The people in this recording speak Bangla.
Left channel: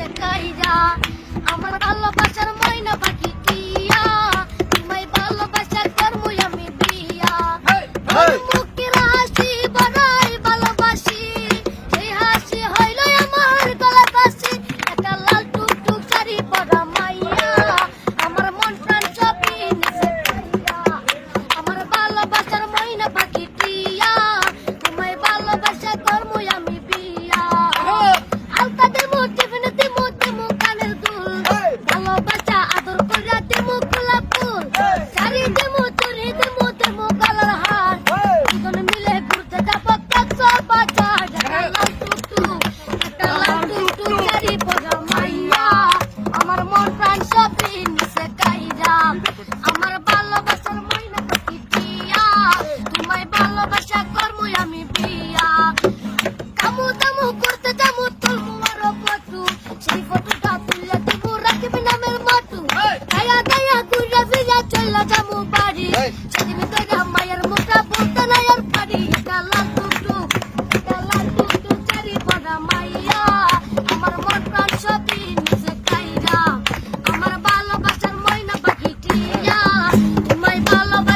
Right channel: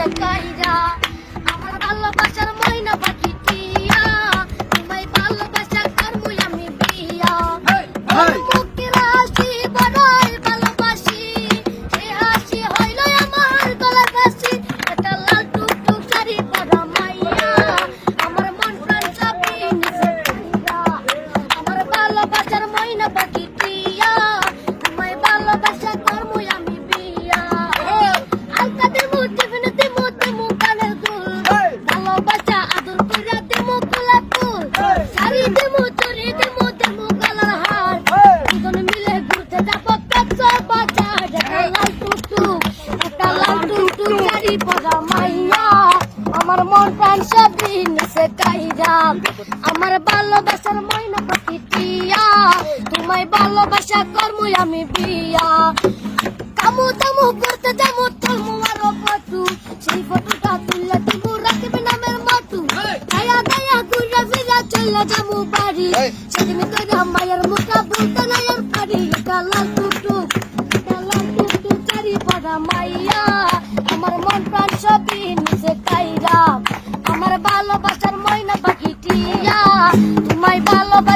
নিচে কাইরা আমার ভালোবাসার ময়না পাখি টিয়া তোমায় ভালোবাসা করবো আমি বিয়া মুখের হাসি বড়ই ভালোবাসি এই হাসি হইল আমার গলার বাসি একটা লাল টুকটুক শাড়ি পরা মাইয়া আমার মন প্রাণ সবই নিচে কাইরা আমার ভালোবাসার ময়না পাখি টিয়া তোমায় ভালোবাসা করবো আমি বিয়া আলতা দেবো টিফিনে দেবো দেবো কানের দুল ভালোবাসা আদর কইরা দেবো গোলাপ ফুল শাড়ি দেবো চুড়ি দেবো দেবো গলার হার দুজন মিলে ঘুরতে যাবো কাঁচা বাজার একটা লাল টুকটুক শাড়ি পরা মাইয়া আমার মন প্রাণ সবই নিচে কাইরা আমার ভালোবাসার ময়না পাখি টিয়া তোমায় ভালোবাসা করবো আমি বিয়া কামু দামু করতে যাবো তোমু আরো পটু সেই ফটোটা তুললে তুমি রাখবে নামের মটু গায়া গায়া ঘুরে ফিরে চলে যাবো বাড়ি সেদিন তোর মায়ের মুখটা বলতে নাই আর পারি এটা লাল টুকটুক চারি পড়া মাইয়া আমার মন প্রাণ সবই নিচে কাইরা আমার ভালোবাসার ময়না পাখি টিয়া তোমায় ভালোবাসা